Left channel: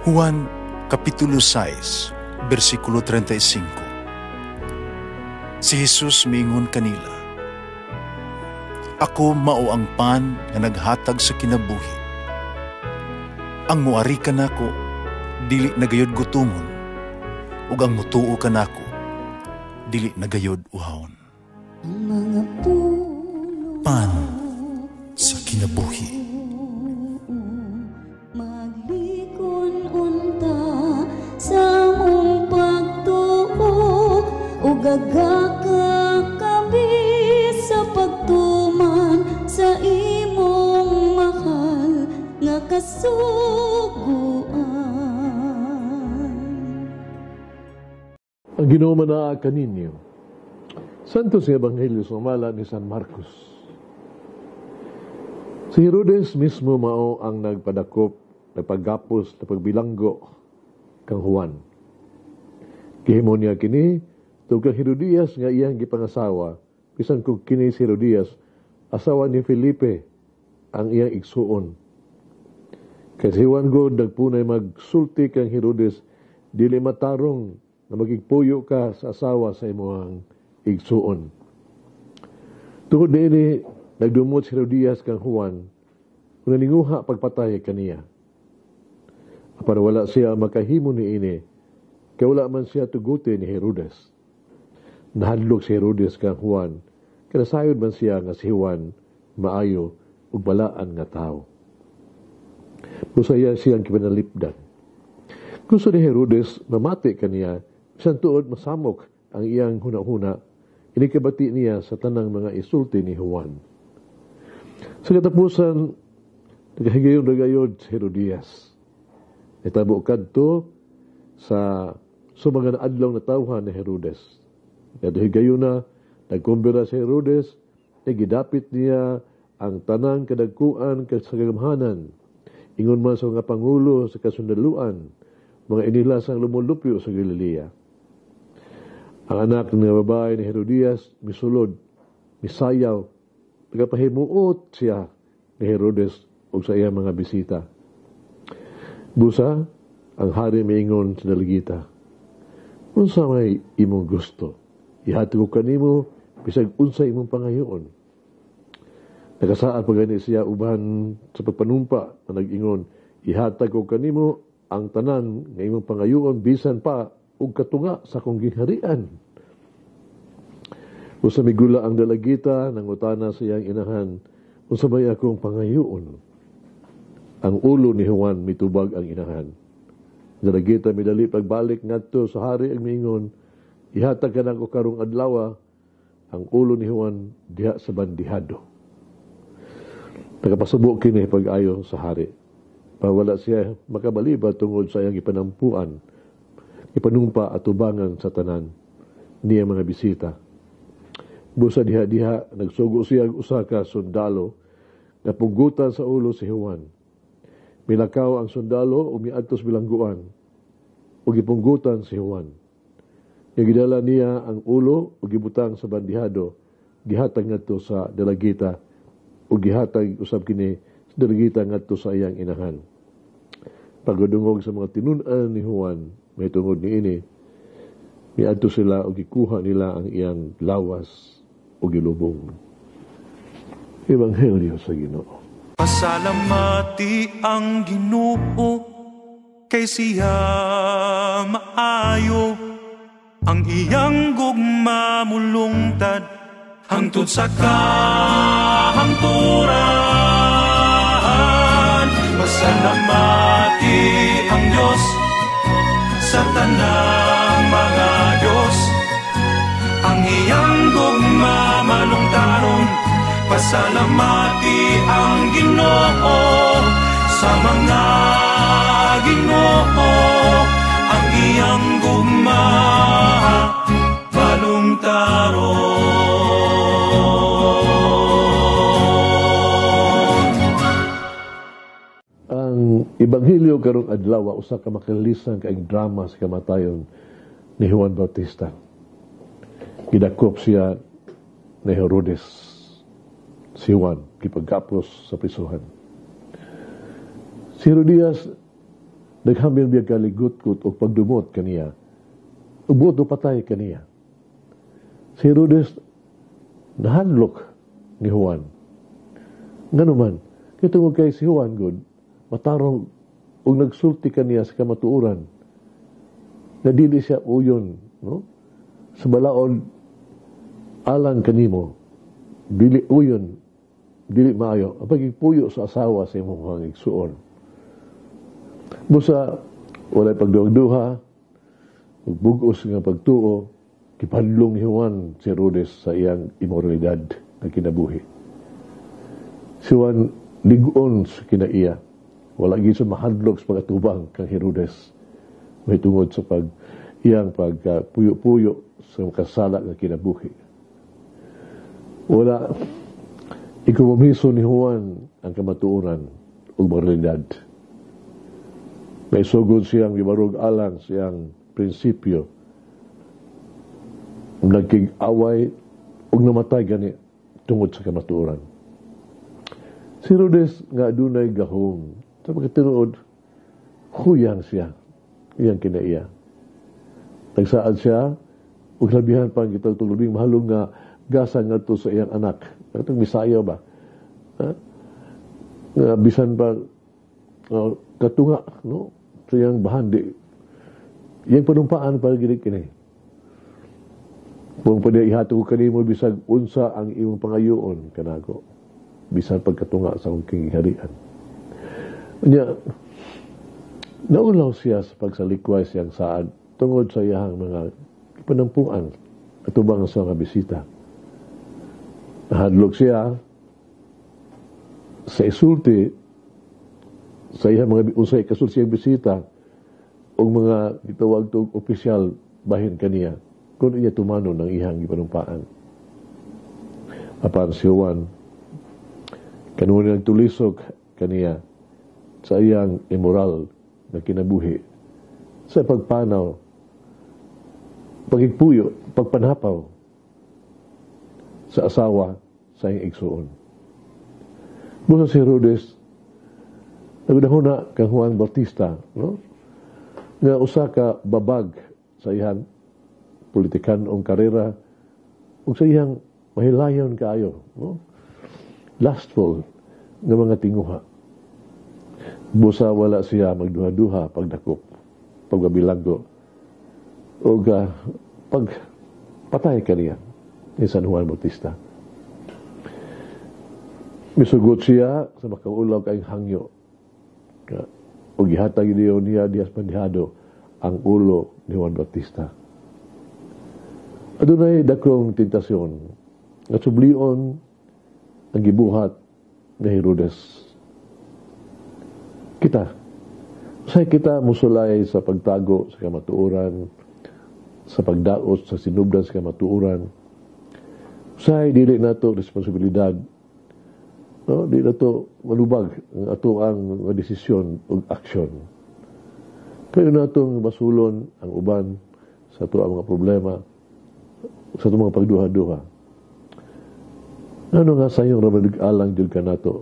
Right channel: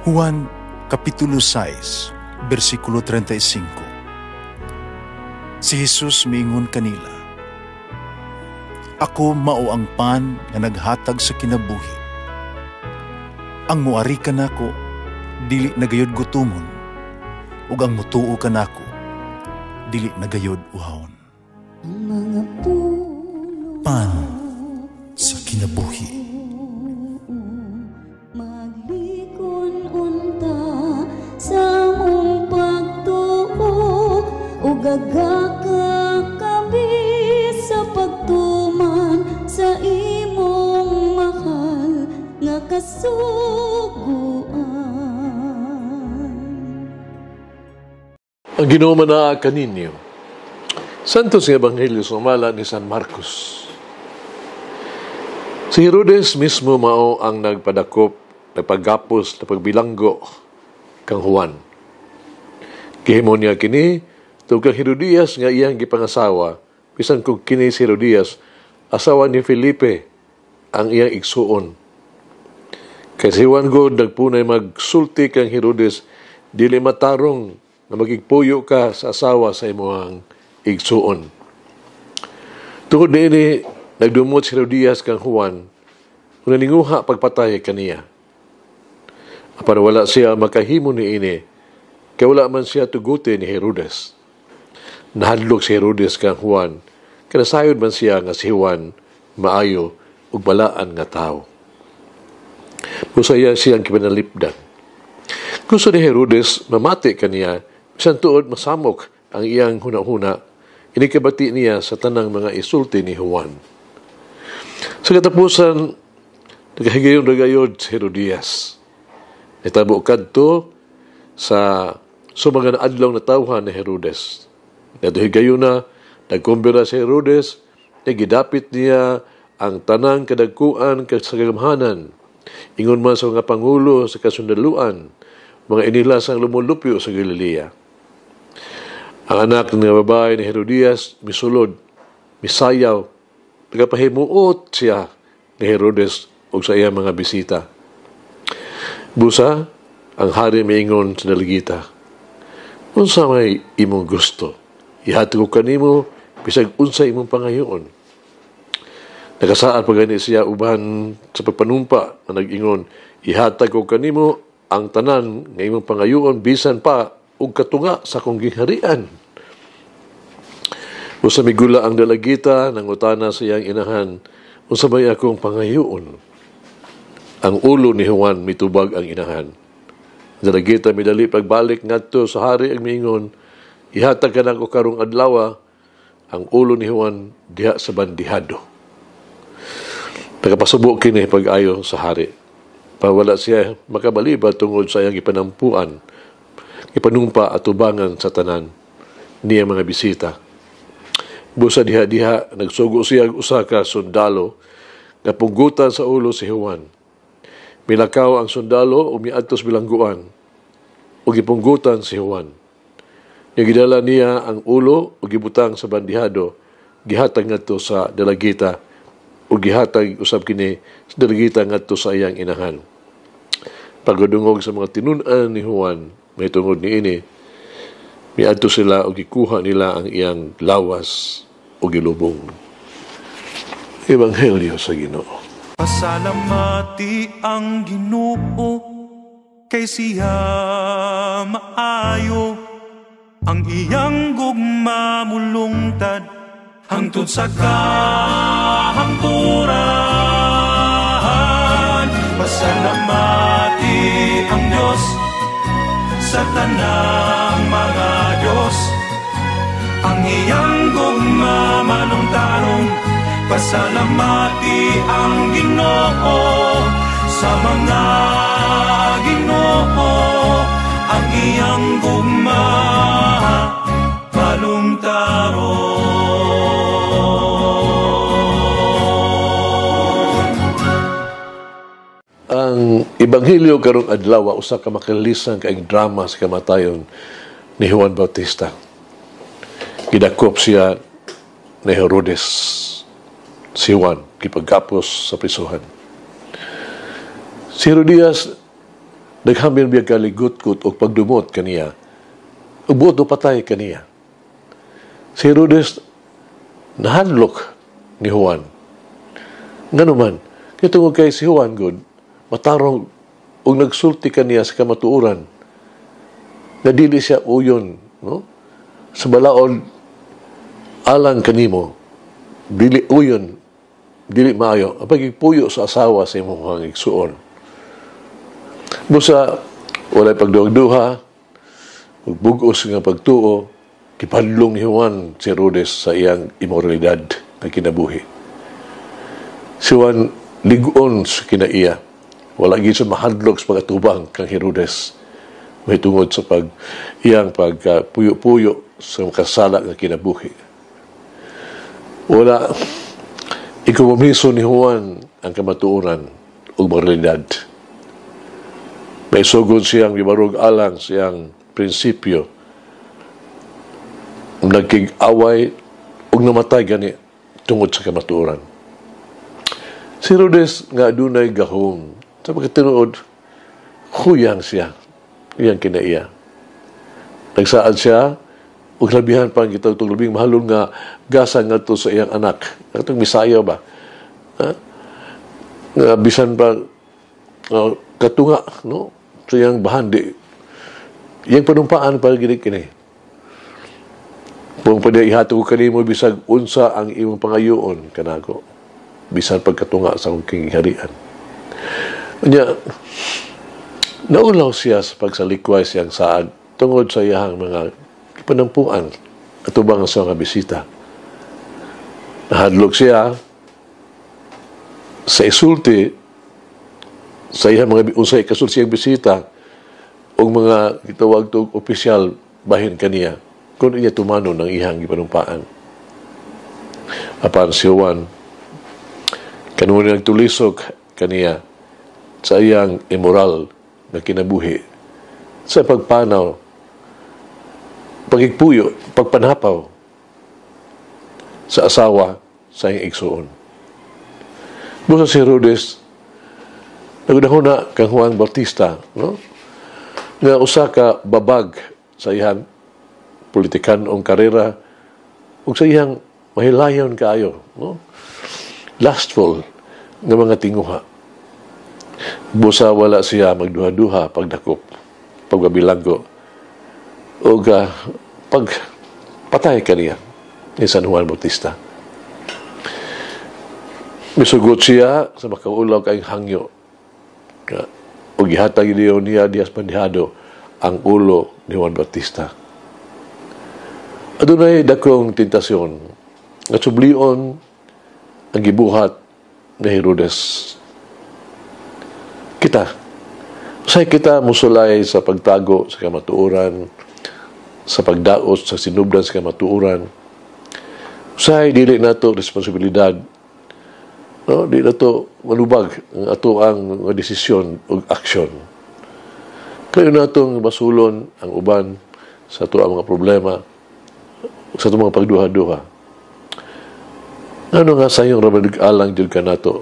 Juan Kapitulo 6, versikulo 35. Si Jesus miingon kanila, "Ako mao ang pan nga naghatag sa kinabuhi. Ang muari kanako dili nagayod gutomon, ug ang mutuo kanako dili nagayod uhawon." Pan sa kinabuhi. Gagakakabi sa pagtuman sa imong mahal nga kasuguan. Ang Ginoo manaa kaninyo. Santos nga Ebanghelyo sumala ni San Marcos. Si Herodes mismo mao ang nagpadakop, nagpagapos, nagpagbilanggo kang Juan. Gihimo niya kini tungkol Herodias nga iyang gipangasawa, bisan kung kini si Herodias, asawa ni Felipe, ang iyang igsuon. Kay si Juan God nagpunay magsulti kang Herodes, dili matarong na magigpuyo ka sa asawa sa imong igsuon. Tungod niini, nagdumot si Herodias kang Juan, kung naninguha pagpatay kaniya. Apan wala siya makahimo niini, kay wala man siya tuguti ni Herodes. Nahadlok si Herodes kang Juan, kanasayod man siya nga si Juan maayo ug balaan nga tao. Busaya siyang kipanalipdan. Gusto ni Herodes mamati kaniya, bisan tuod masamok ang iyang hunahuna, inikabati niya sa tanang mga isulti ni Juan. Sa katapusan, nagahigayong-ragayod si Herodias. Nitabo kadto sa sumangan adlaw na tawhan ni Herodes. Naduhigayon na, nagkumbira si Herodes, nagidapit niya ang tanang kadagkuan sa kagamhanan. Ingon man sa mga pangulo sa kasundaluan, mga inilasang lumulupyo sa Galilea. Ang anak ng babae ni Herodias, misulod, misayaw, nagapahimuot siya ni Herodes o sa iyang mga bisita. Busa, ang hari miingon sa dalagita, "Unsa may imong gusto? Ihatag ko kanimo bisag unsa imong pangayoon." Nakasaad pa gani siya uban sa pagpanumpa na nag-ingon, "Ihatag ko kanimo ang tanan nga imong pangayoon bisan pa ug katunga sa akong gingharian." Usa migula ang dalagita nangutana sa iyang inahan, "Unsa may akong pangayoon?" Ang ulo ni Juan mitubag ang inahan. Dalagita midali pagbalik ngadto sa hari ang miingon, "Ihatag ka na ko karong adlaw ang ulo ni Juan diha sa bandihado." Nagapasubo kini pag-ayo sa hari. Pawala siya makabaliba tungod sa iyang ipanampuan, ipanumpa at tubangan sa tanan niya mga bisita. Busa diha-diha, nagsugo siya usa ka sundalo nga punggutan sa ulo si Juan. Milakaw ang sundalo o miadtos bilangguan o gipunggutan si Juan. Gidala niya ang ulo o gibutang sa bandihado, gihatag ngadto sa dalagita o gihatag usab kini sa dalagita ngadto sa iyang inahan. Pagdungog sa mga tinun-an ni Juan, may tungod niini, miadto sila o gikuha nila ang iyang lawas o gilubong. Ebanghelyo sa Ginoo. Pasalamati ang Ginoo kay siya maayo, ang iyang gugma mulungtad hangtod sa kahangturan. Pasalamati ang Diyos sa tanang mga Diyos, ang iyang gugma malungtaron. Pasalamati ang Ginoo sa mga Ginoo, ang iyang gugma balungtaron. Ang Ebanghelyo karong adlaw usa ka makalisan kaayong drama sa kamatayon ni Juan Bautista. Gidakop siya ni Herodes. Si Juan, kipagkapos sa prisuhan. Si Herodias, Naghambil biya kaligot-gut o pagdumot kaniya. Ubuot o patay kaniya. Si Herodes nahadlok ni Juan. Nga naman, kitungod kay si Juan good, matarong o nagsulti kaniya sa kamatuoran na dili siya uyon, no? Sa balaod alang kanimo, dili uyon, dili maayo, ang pagigpuyo sa asawa sa imong igsuon. Busa, walay pagduha-duha, magbugos nga pagtuo, kipadlong ni Juan si Herodes sa iyang imoralidad na kinabuhi. Si Juan ligon sa kinaiya. Wala gid sa mahadlok sa pagkatubang kang Herodes. May tungod sa iyang pagpuyo-puyo sa makasala nga kinabuhi. Wala ikumomiso ni Juan ang kamatuoran o moralidad. May sugod siyang gibarog alang siyang prinsipyo. Nagkig-away o namatay gani tungod sa kamatuoran. Si Herodes nga adunay gahom. Sa pagkatinuod, huyang siya. Iyang kinaiya. Nagsaad siya, ug labihan pa ang kitang tulubing mahalon nga gasa nga to sa iyang anak. Katong Bisaya ba? Nga bisan pa katunga, no? Sa iyang bahandi. Iyang panumpaan para gini kini. Kung pwede ihatag ko kanimo bisag unsa ang imong pangayoon kanako. Bisan pagkatunga sa akong kingharian. Kanya, naulaw siya sa pagsalikway siyang saad tungod sa iyang mga panampuan at ubang sa mga bisita. Nahadlok siya sa isulti sa iyang mga unsay kasul siyang bisita o mga gitawag to opisyal bahin kaniya kung iya tumano ng iyang gipanumpaan. Apan si Juan kanunay nagtulisok kaniya sa iyang immoral na kinabuhi sa pagpanaw, pagigpuyo, pagpanapaw sa asawa sa iyang igsuon. Busa si Herodes nagdahuna kang Juan Bautista, no? Nga usa ka babag sa iyang politikanong karera ug sa iyang mahilayon kaayo, no? Lustful nga mga tinguha. Busa wala siya magduha-duha pagdakop, pagbabilanggo o pagpatay kaniya ni San Juan Bautista. Misugot siya sa makaulaw kayong hangyo o gihatag niya Diaz Bandihado ang ulo ni Juan Bautista. Adunay dakong tentasyon at sublion ang gibuhat ni Herodes. Usay kita musulay sa pagtago sa kamatuoran, sa pagdaos sa sinubdan sa kamatuoran. Usay dili nato responsibilidad, no? Di nato malubag ang ato ang desisyon o aksyon. Kayo natong basulon ang uban sa ato ang mga problema, sa ato mga pagduha-duha. Ano nga sa iyong ramadug-alang dyan ka nato,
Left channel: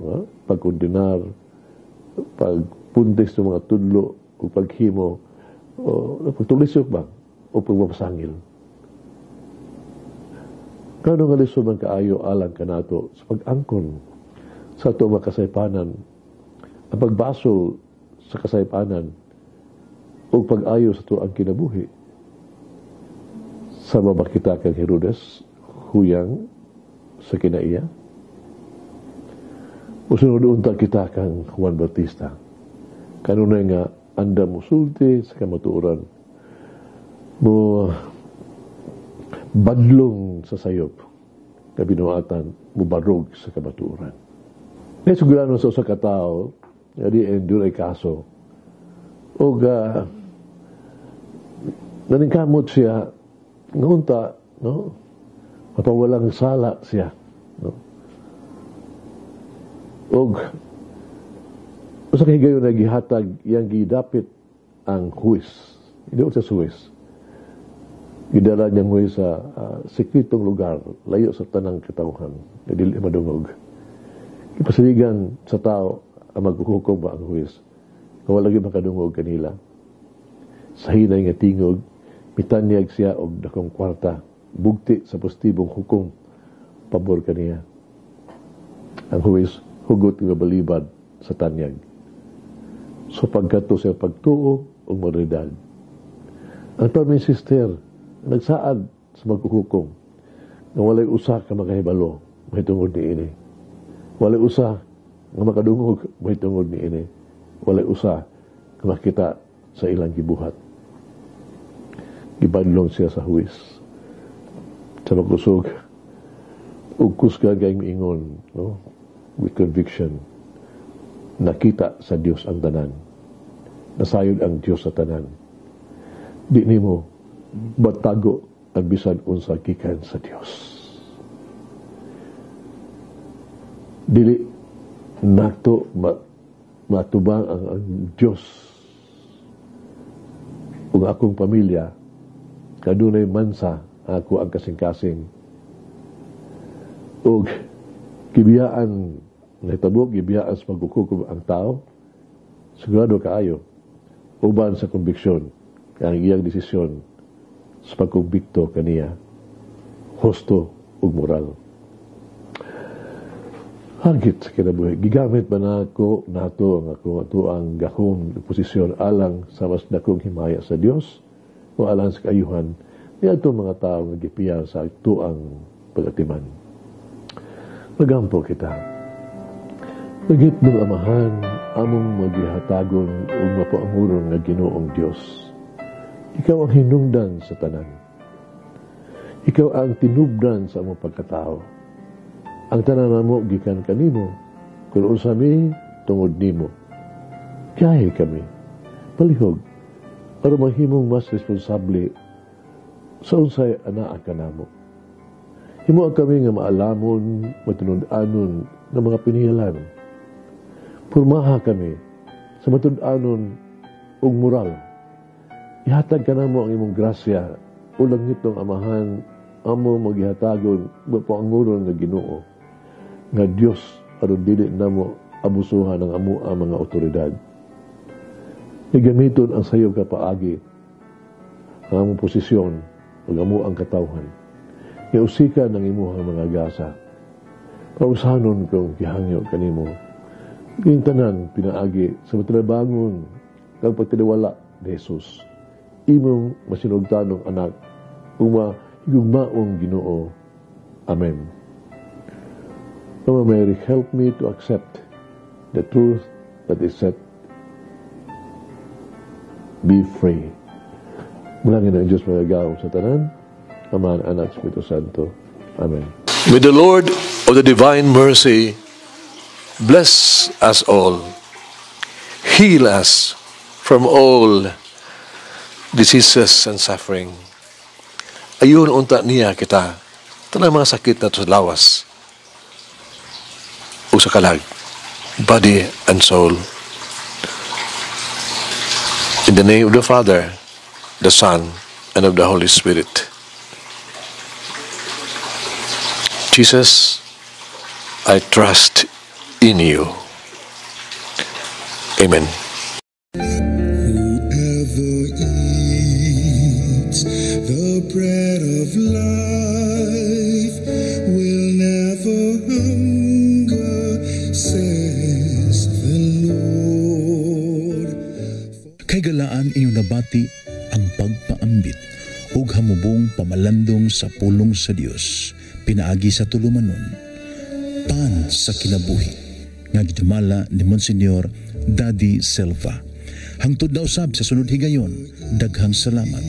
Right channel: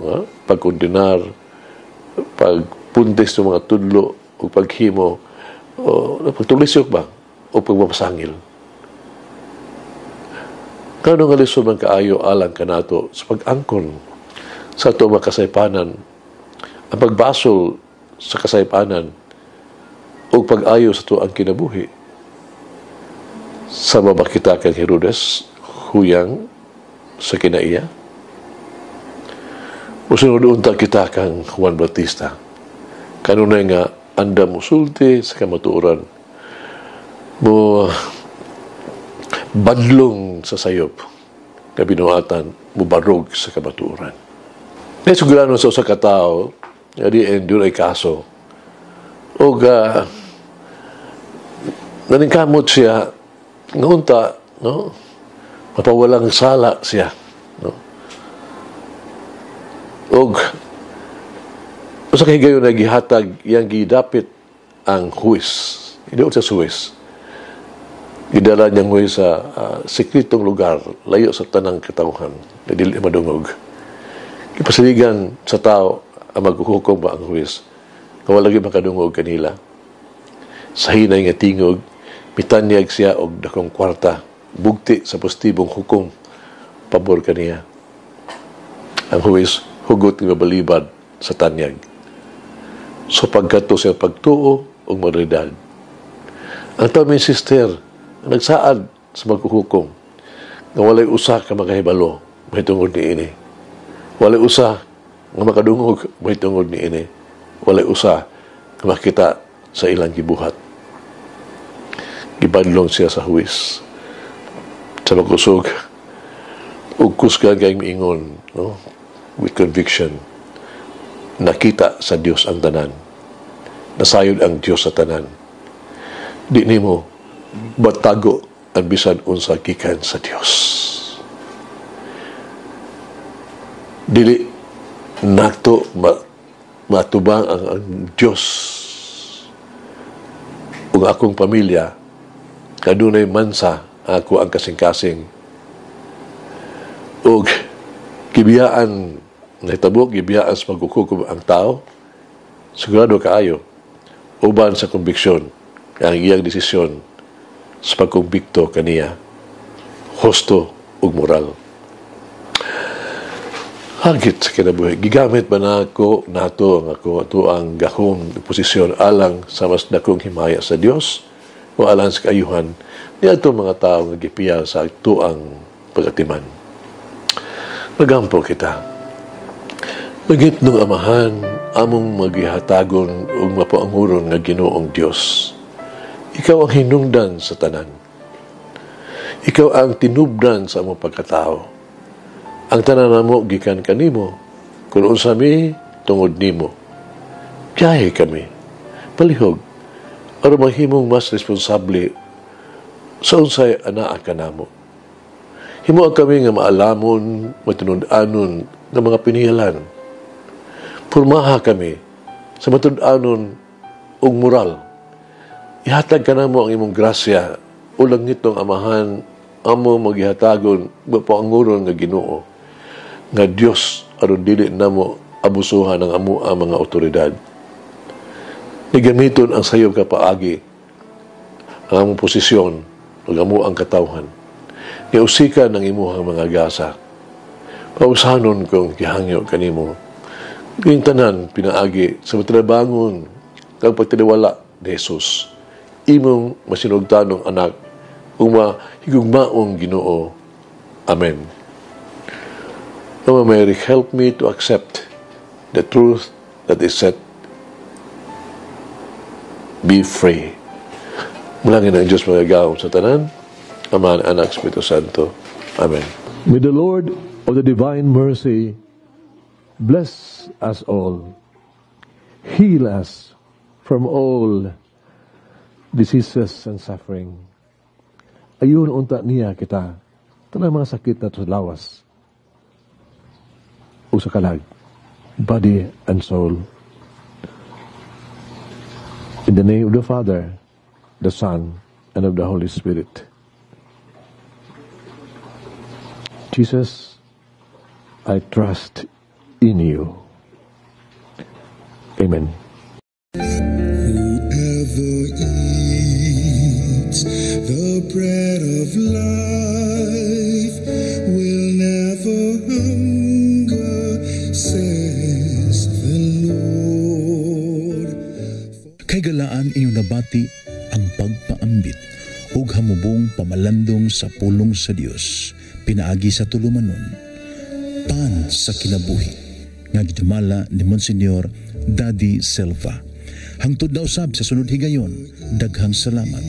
pagkondinar, pagpuntis ng mga tudlo, o paghimo, o pagtulisyok ba, o pagmapasangil. Kano nga lisod man kaayo alang ka nato sa pag-angkon sa ito mga kasaypanan, ang pagbasol sa kasaypanan, o pag-ayo sa ito ang kinabuhi. Sama ba kita kang Herodes, huyang sa kinaiya? O sinunod-unta kita kang Juan Bautista. Kanunay nga, anda mo sulti sa kamatuoran, mo badlong sa sayop, na binuatan, mo barog sa kamatuoran. May sugurano sa usa ka tao, nga di endure ay kaso, o naningkamot siya, ngunta, no? Mapawalang sala siya, no? Og usa ka higayon na gihatag iyang gidapit ang huwis. Idoon sa huwis. Gidala niyang huwis sa sekretong lugar, layo sa tanang katawhan, na dili madungog. Ipasaligan sa tao ang maghuhukom ba ang huwis. nga wala gyud makadungog kanila. Sa hinay nga tingog, mitanyag siya og dakong kwarta, bugti sa postibong hukom, pabor kaniya. Ang huwis, hugot nga balibad sa tanyag. So pagkato siya pagtuo o maridad. Ang tao may sister, nagsaad sa magkuhukom, nga walay usa ka makahibalo, may tungod ni ini. Walay usa nga makadungog, may tungod ni ini. Walay usa nga makita sa ilang gibuhat. Gibadlong siya sa huwis. Sa magkusog, ug kusga kayong miingon, no? With conviction, nakita sa Dios ang tanan. Nasayod ang Dios sa tanan. Di nimo batago ang bisan unsa gikan sa Dios. Dili nato matubang ang Dios ug akong pamilya kadunay mansa ako ang kasing-kasing ug gibiyaan nahitabo gibiyaan sa pagkukukom ang tao, sigurado kaayo uban sa konbiksyon ang iyang desisyon sa pagkumbikto kaniya husto ug moral. Hagit sa kinabuhi, gigamit ba nato ang gahong posisyon alang sa mas dakong himaya sa Dios o alang sa kaayuhan ni ato mga tao nga gipiya sa tuang pagatiman. Nagampo kita. Magit nung amahan, among magihatagon o mapaanguron nga Ginoong Diyos. Ikaw ang hinungdan sa tanan. Ikaw ang tinubdan sa among pagkatao. Ang tanan namo gikan kanimo, kung unsa mi tungod nimo. Biyahe kami, palihog, aron maghimong mas responsable sa unsay anaa kanamo. Himo kami nga maalamon, matunud-anon ng mga pinihalan. Purmaha kami sa matunud-anon ug moral. Ihatag ka namo ang imong grasya ulang nitong amahan amo maghihatagon mapaanguron nga Ginoo nga Dios aron dili namo abusuhan ang amo ang mga otoridad. Nigamiton ang sayo ka paagi ang among posisyon ug amo ang katawhan. Niusika ng imuhang mga gasa. Pausahanon kong gihangyo kanimo. Yung tanan pinaagi sa matrabangon kang pagtiniwala ni Jesus. Imong masinugtanong anak ug mahigugmaong Ginoo. Amen. Mama Mary, help me to accept the truth that is set. Be free. Mulangin ang Diyos magagawa sa tanan. Ama, Anak, Espiritu Santo. Amen. May the Lord of the divine mercy bless us all, heal us from all diseases and suffering. Ayun unta niya kita, tanang mga sakit na sa lawas o sa kalag, body and soul. In the name of the Father, the Son, and of the Holy Spirit. Jesus, I trust in you. Amen. Whoever eats the bread of life will never hunger, says the Lord. Kay galaan inyong nabati ang pagpaambit ug hamubong pamalandong sa pulong sa Dios pinaagi sa tulumanon pan sa kinabuhi nga gidumala ni Monsignor Daddy Silva. Hangtod na usab sa sunod higayon, daghang salamat.